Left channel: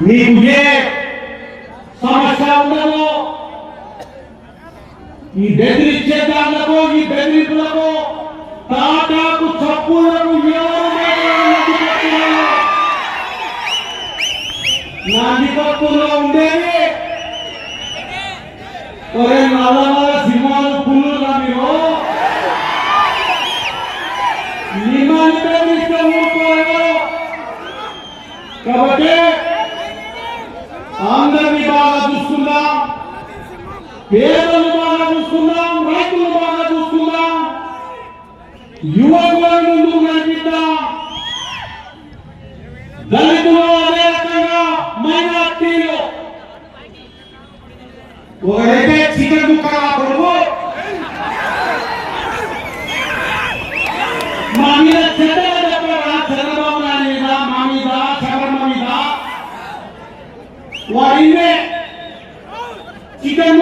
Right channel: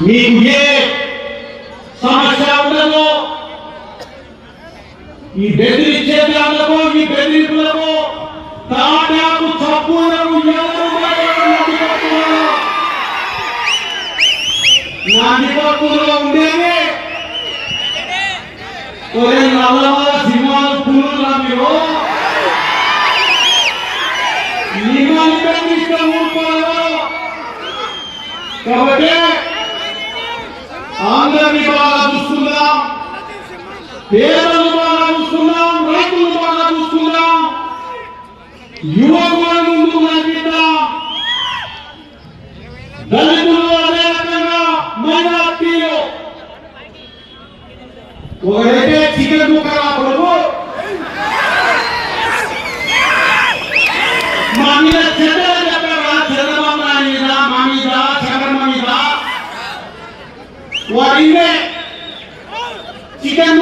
మీకు ఏ సమస్య ఉండదు. ఈ బెదిరించే దానిలకు ఈ బెదిరింపులకు తాటాకు చప్పులకు ఎవరు మాట్లాడాలి నాందిపప్పులో ఉండేవి ఒరే నల్లమల సింహాలు పుల్లులా మీరు. మిమ్మల్ని బెదిరిస్తే ఊరుకోలేదు కాబట్టి అందరినీ బాగా చూసుకుందాం పేదలు బాగా చూసుకుందాం రైతులు బాగా చూసుకుందాం యువకులు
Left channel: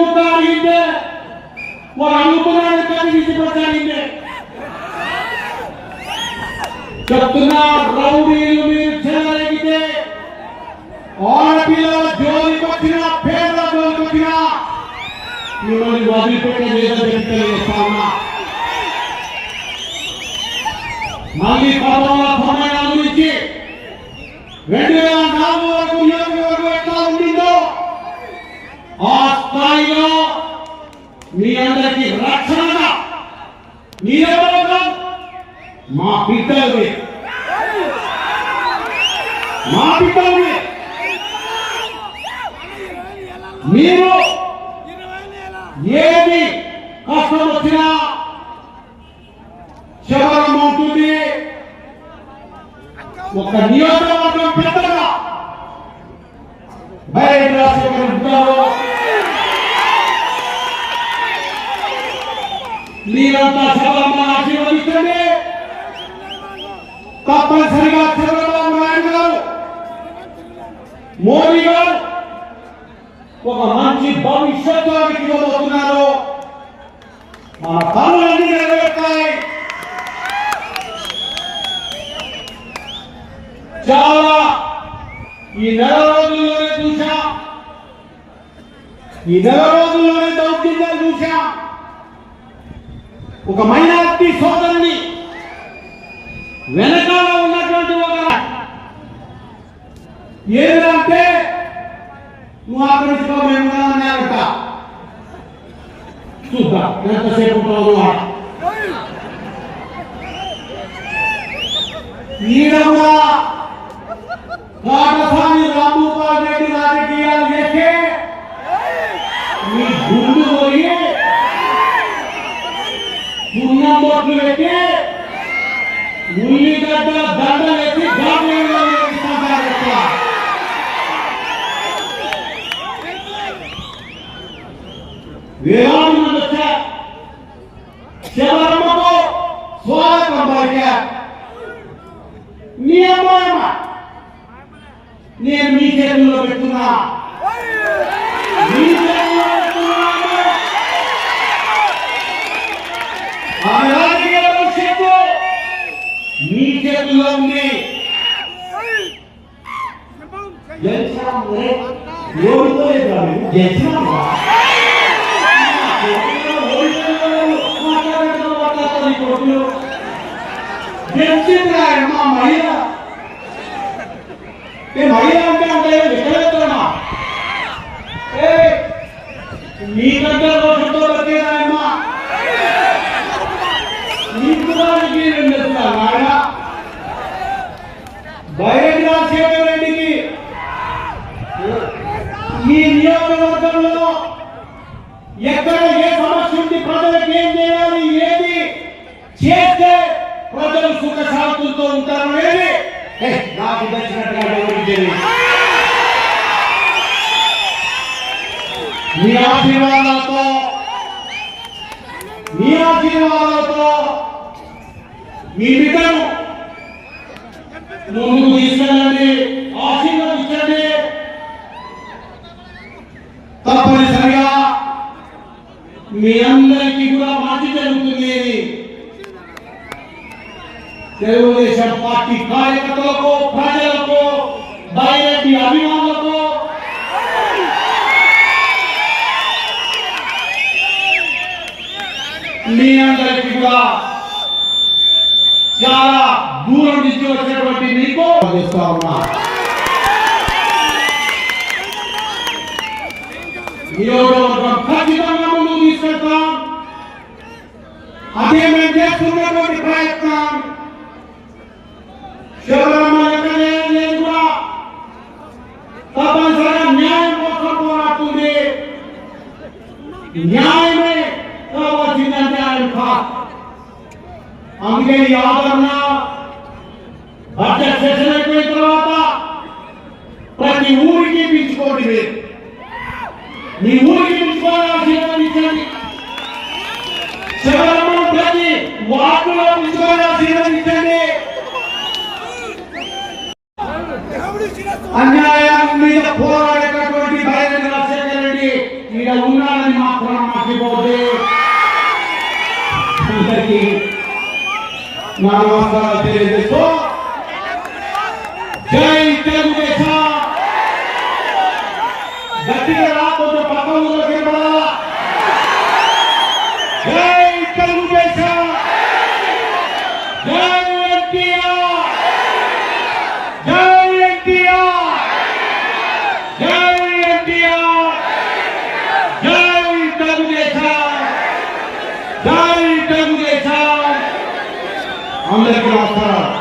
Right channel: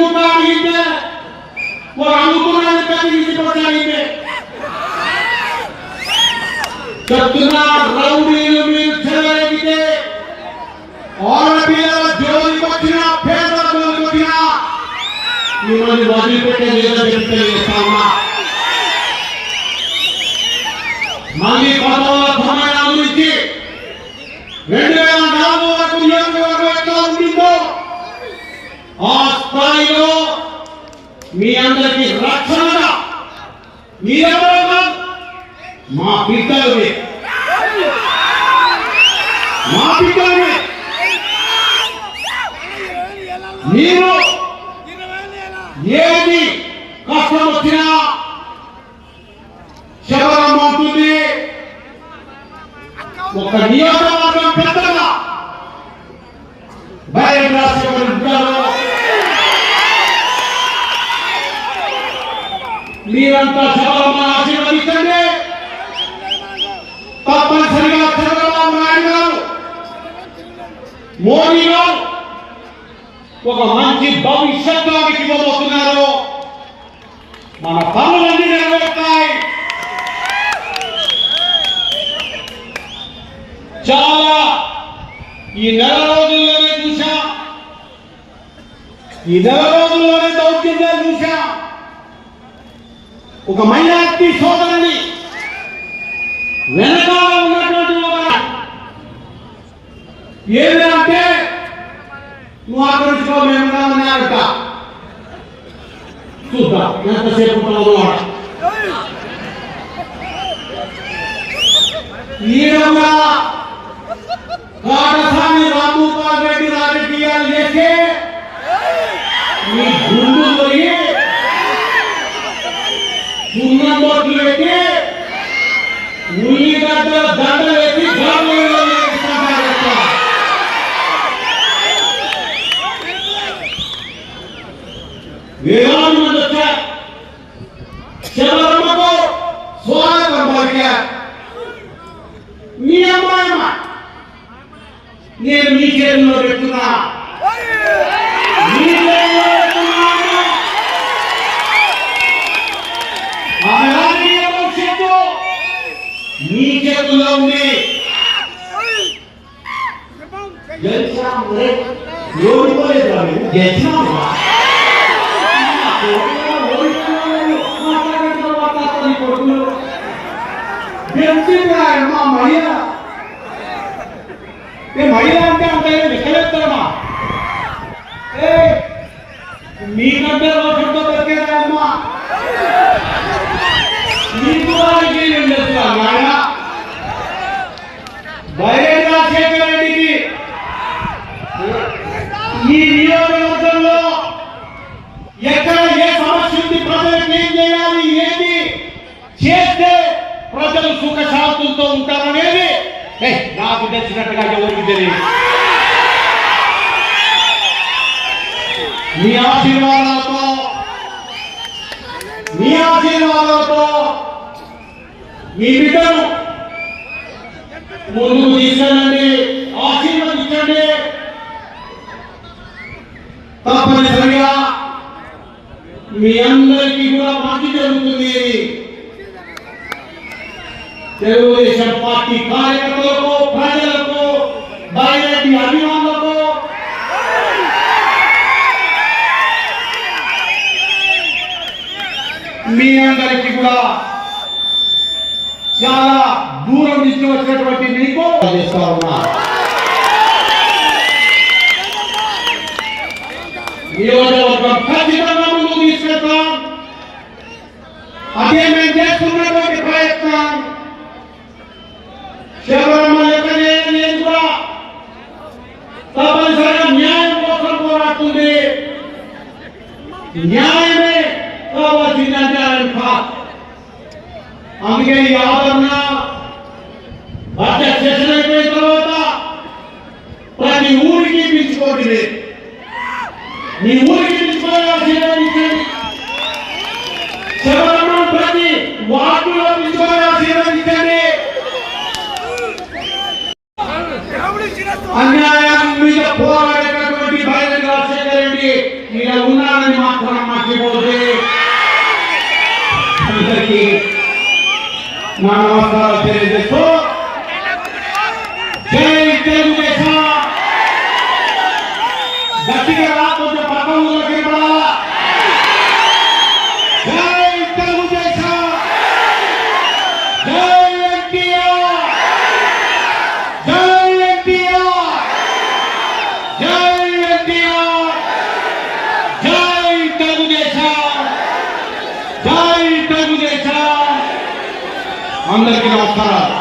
చికెన్ ముక్క అడిగితే వాడు అనుకున్నాడు కానీ తీసుకొచ్చాడితే చెప్తున్నా రౌడీలు మీరు చెలగలిగితే ఆడపిల్లల జోలికి వచ్చిన పేద జోలికి వచ్చిన మిమ్మల్ని వదిలిపెట్టే లేదని చెప్పి తెలియజేస్తా ఉన్నా మళ్ళీ పదవుల సమయం నుంచి రెండు బిడ్డలవి మా బిడ్డలవి మీరు ఏది కష్టం వచ్చినా శబరం అవుతుంది. ఒక నియోజకవర్గం పెద్దగా బయట రాష్ట్రం మీరంతా సభలో ఆశీర్వాదం తప్పనిసరిగా చంద్రబాబు నాయుడు గారు మోడీ గారు ఒక మంచి భవిష్యత్తు ఆమెకి ఇవ్వబోతున్నారు. మన పనులన్నీ నెరవేరుతాయి. చాలా ఈ నెల రోజుల్లోనే చూసా ఈ నెల రోజుల్లోనే దౌర్జన్యాలు చూసా ఒక మైనార్టీ సోదరుని వెనకాల ఉన్నటువంటి ఒక ఏదంటే నువ్వు ఆకరించుకో మేము అన్నారట చూద్దాం ఎంతసేపు ఉంటావు ఆడ ఈయన కూడా కాటసాని రామగోపాల్ రెడ్డి రాజకీయాలు చేస్తే 외환문제 제발 먹고 소화가 먹게 니야. 뭐야 내 미개를 노렸구나. 미개를 노렸구나 아가리의 역시도 미개 ఆయన మా మహిళ ఏ మహిళ అంటే అంటే లెక్కలేస్తానా ఏ మీకంటే బతికేదాయమ్మా నీకు దానికి ఉండదు నాయన ధైర్యంగా శేఖర్ రెడ్డికి ఈ నియోజకవర్గంలో ఎక్కడ ఏ సమస్య ఉంది ప్రజలకు ఏం చేయాలి? ఏది చేస్తే ప్రజలు సుఖ శాంతులతో ఉంటారనేది? ఏ, నాకు తెలిసినట్టుగా ఎవరికి తెలియదు. మీ ఆశీర్వాదాలతో మీ ఆశీర్వాదాలతో మీ బిడ్డను ముందు తీసుకెళ్ళండి ఆశీర్వదించండి. తప్పనిసరి మీ అందరికీ కూడా మంచి జరుగుతుంది. తెలుగుదేశం పార్టీ కార్యకర్తలకు ప్రజలకు బయటి అభిమానులకు. మీ అందరికీ కూడా చాలా దూరం నుంచి వచ్చినటువంటి మీకు చేస్తా ఉన్నా. నియోజకవర్గం అదే మేము చేస్తున్నటువంటి ప్రయత్నం. శబరిమల ఎక్కడే కూడా తప్పనిసరిగా న్యాయం కోసం పోరాడుతుంది. న్యాయమే కావాల్సిందంటే ఆయన అందుకే ఈ ఆదరణ బడ్జెట్ సెషన్ అయిపోయిన తర్వాత ప్రతి ఊరికి పిలుచుకోండి మీ ఊరికి ప్రతి వార్డులో పిలుచుకోవాల్సి ఇచ్చింది అన్యాయం మీద పోరాడేటటువంటి బహిరంగ రాజశేఖర రెడ్డి ఈడ ఉన్నారని మాత్రం మర్చిపోతే అందరికీ నా నమస్కారాలు తెలియజేస్తూ జై తెలుగుదేశం. గట్టిగా రా, కొంచెం పక్క ఊళ్ళో జై తెలుగుదేశం జై ఎన్టీఆర్ జై ఎన్టీఆర్ జై ఎన్టీఆర్ జై తెలుగుదేశం. జై తెలుగుదేశం. అందరికీ నమస్కారాలు.